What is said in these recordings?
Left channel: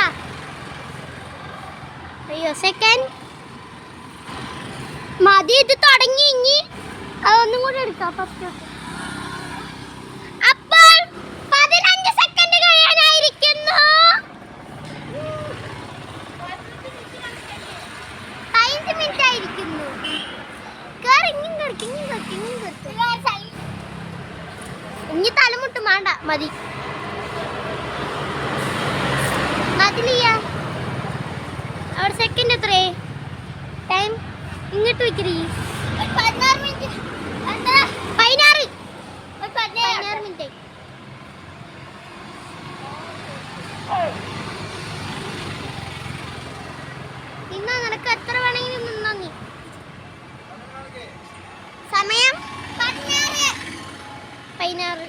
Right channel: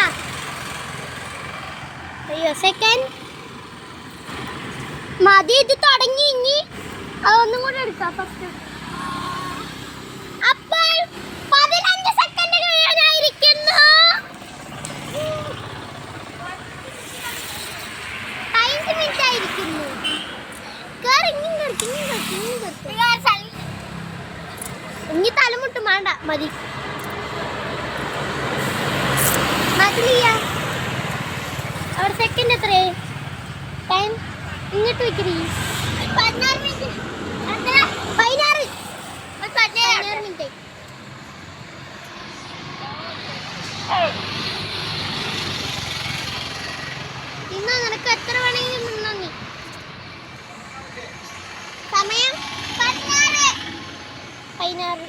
ആണ്. അയ്യോ സെക്കൻഡ് മതി. ഇത് തുടങ്ങി. ഇനി അതൊന്നും കൂടെ എടുക്കാം. ഫസ്റ്റ് അപ്പോൾ 15 സെക്കൻഡ് കഴിയാനായിരിക്കുന്നു. 5 മിനിറ്റ് ആയിരിക്കുന്നു. ഇനി തലമുട്ട് വേണ്ട. മതി മതിലിയ. അവിടെ സെക്കൻഡ് എത്രേ ടൈം ഇങ്ങോട്ട് വെക്കറി. 16 മിനിറ്റ്. ഇന്ന് നിനക്ക് എത്ര വേണമെങ്കിലും നിന്നോ നീ. സമയം 16.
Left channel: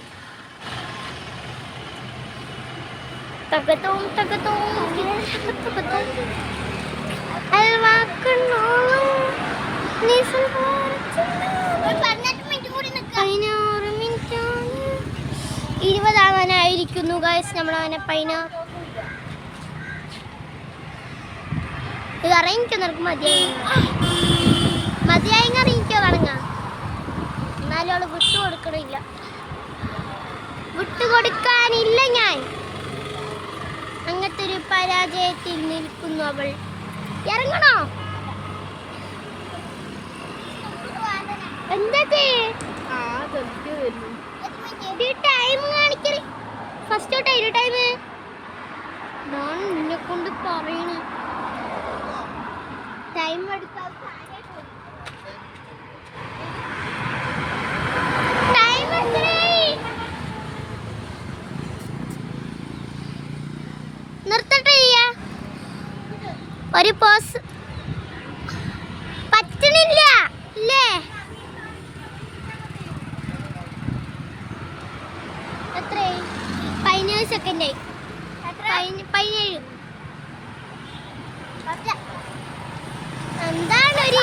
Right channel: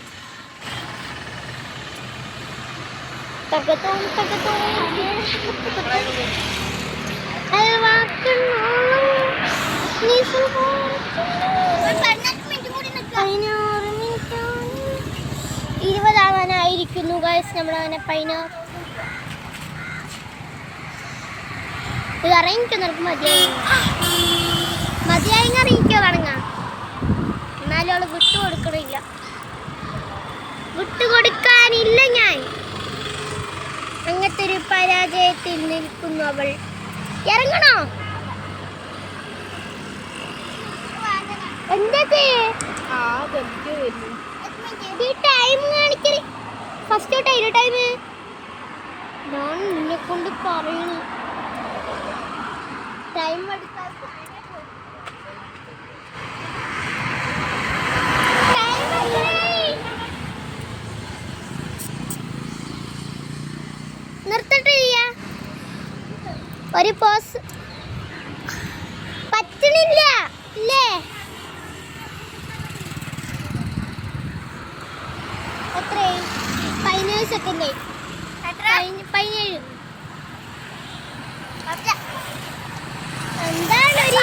തകത്തോം തകത്തോം അൽവാക്കണോളൂ നീ സംഭവിക്കുന്നു. 20 ആവാനായിരിക്കുന്നു ഗൈസ്. നമ്മളവനെ 16 ഇത് അറിയിക്കോ. നിനക്ക് മതിയായി അറിയിക്കോ തുടങ്ങാം. എന്നാലും അവള് വിട്ടുകൊടുക്കണില്ല. വിട്ടുകൊടുക്കാനില്ല ഞാൻ. അങ്ങനത്തെ ഒരു പരാജയത്തിൽ നിൽക്കുന്നു അവൾ. ഇറങ്ങണോ? എന്താ ടൈം കാണിക്കല്? ഫസ്റ്റ് ടൈം ഞാൻ നിന്നെ കൊണ്ട് പറയുന്നു. ടൈം എടുക്കാൻ നിർത്തട്ടെ. ഒരു പോസ് പറ്റണില്ല അല്ലേ? എത്രയായി? 17 സെക്കൻഡായി. 17. എന്താണ് ഒരു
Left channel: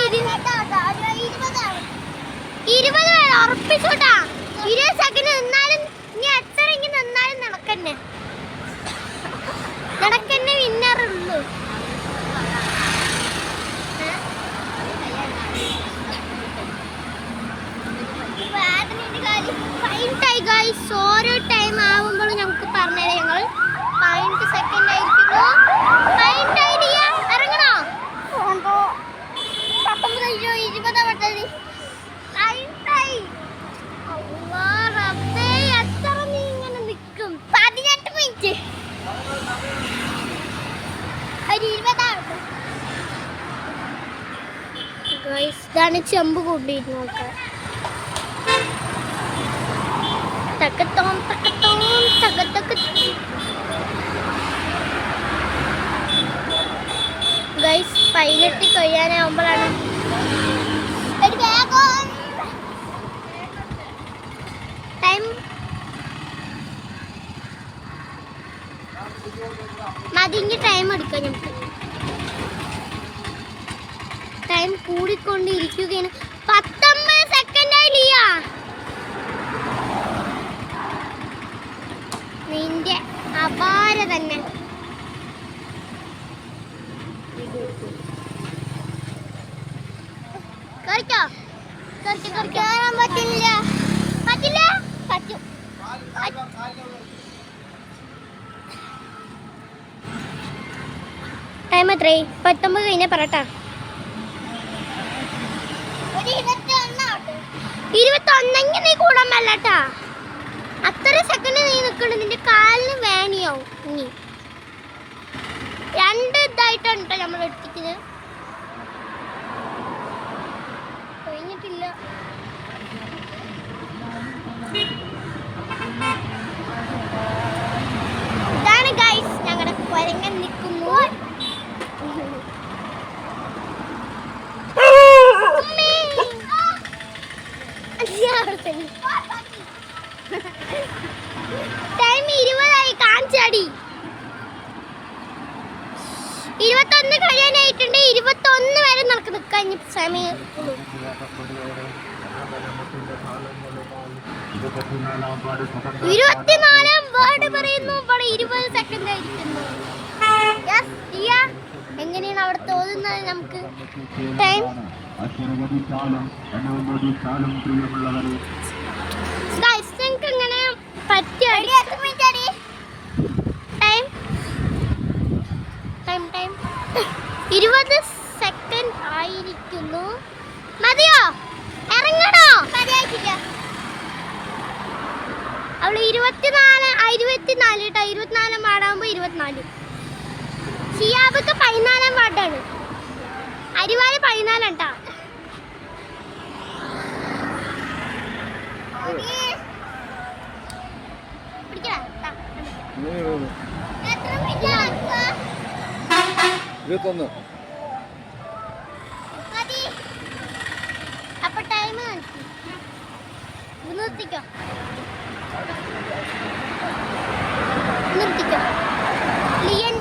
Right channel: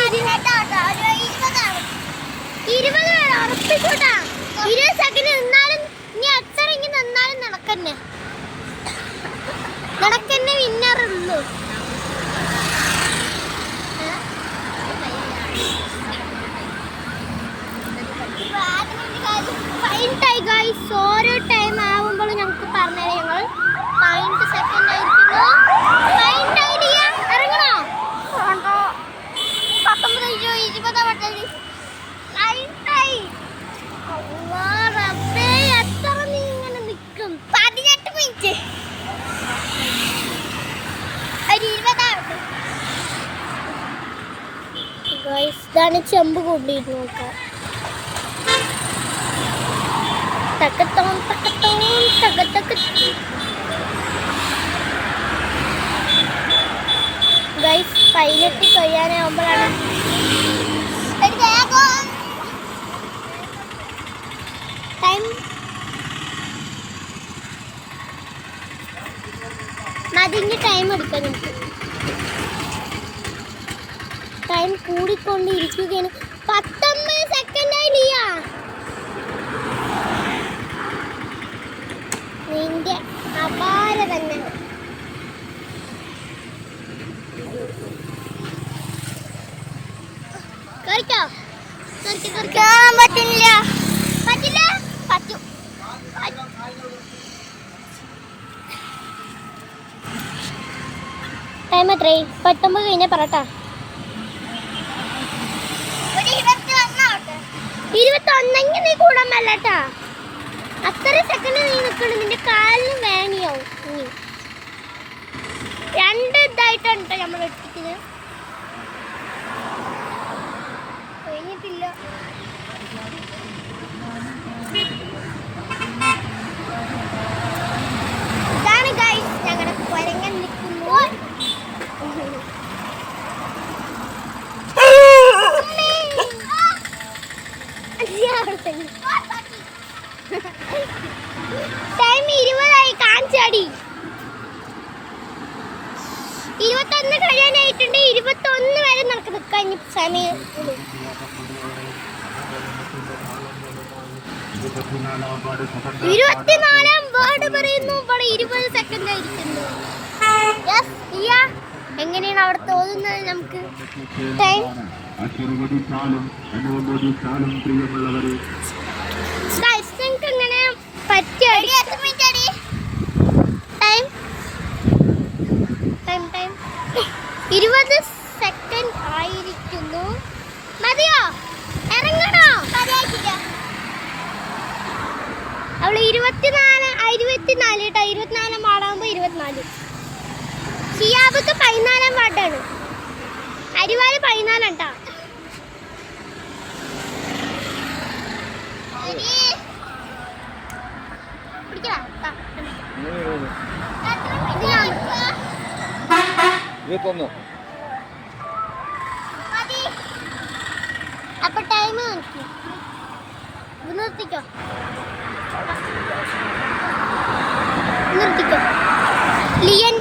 20 ഉറപ്പിച്ചോട്ടാ. 20 സെക്കൻഡ് നിന്നാലും ഇനി എത്ര ഇങ്ങനെ നിന്നാലും നടക്കന്നെ വിന്നറുള്ളൂ. ഓരോ ടൈം ആവുമ്പോഴും ഞങ്ങൾക്ക് പറഞ്ഞുതരാം. ഞങ്ങൾ 15 സെക്കൻഡ് ആയിരിക്കുന്നു. ഇറങ്ങണോ? 19 20 എത്ര നീ ഇങ്ങനെ നിൽക്കും? 18 മിനിറ്റ്. ഇതാണ് ചെമ്പ് കൊണ്ടിരുന്നു നോക്കാം. തക്കത്തോം തക്കത്തോം തകത്തക്ക. ഗൈസ് 18 കഴിയാനാവുമ്പോഴാണ് ടൈം. മതിഞ്ഞ് ടൈം എടുക്കാം നമുക്ക്. ടൈം കൂടിക്കൊണ്ടിരിക്കുകയാണ്. 19 സെക്കൻഡായി ലിയ. നിന്റെ അപാര തന്നെ. പറ്റില്ല. പറ്റും. ടൈം എത്രയായി? 19 കഴിഞ്ഞാൽ പറട്ടാ. 21 നീ കൂടാൻ പറ്റാ. അത്ര സെക്കൻഡ് നീ നിൽക്കണം. നിന്റെ കാലിന് വേണിയാവും. 2 ഇതായിട്ടാണ് കേട്ടോ നമ്മൾ എടുത്തിക്കുന്നത്. കഴിഞ്ഞിട്ടില്ല. ഇതാണ് ഗൈസ് ഞങ്ങളുടെ കുരങ്ങൻ നിൽക്കുന്നു. ടൈം 20 കാണിച്ചാടി. 21 കഴിയാനായിട്ടുണ്ട്. 21 വരെ നമുക്ക് നിൽക്കാൻ സമയം. 24 വേർഡ് പറയുന്നു. ഇവിടെ 20 സെക്കൻഡ് ആയിരിക്കുന്നു. എങ്ങനെയാണ് അവിടെ തോന്നുന്നത് നമുക്ക്? ടൈം എങ്ങനെ പറ്റിയ ടൈം ടൈം 20 സെക്കൻഡ് ആയിരിക്കുന്നു. മതിയോ? ഇറങ്ങണോ? അവള് 24 കേട്ടോ. 24 പാടാകുമ്പോ 24. ഷിയാബൊക്കെ 14 പാട്ടാണ്. അരിവാല് 14 കേട്ടോ. അപ്പൊ ടൈം നിർത്തിക്കോ. ലിയൻ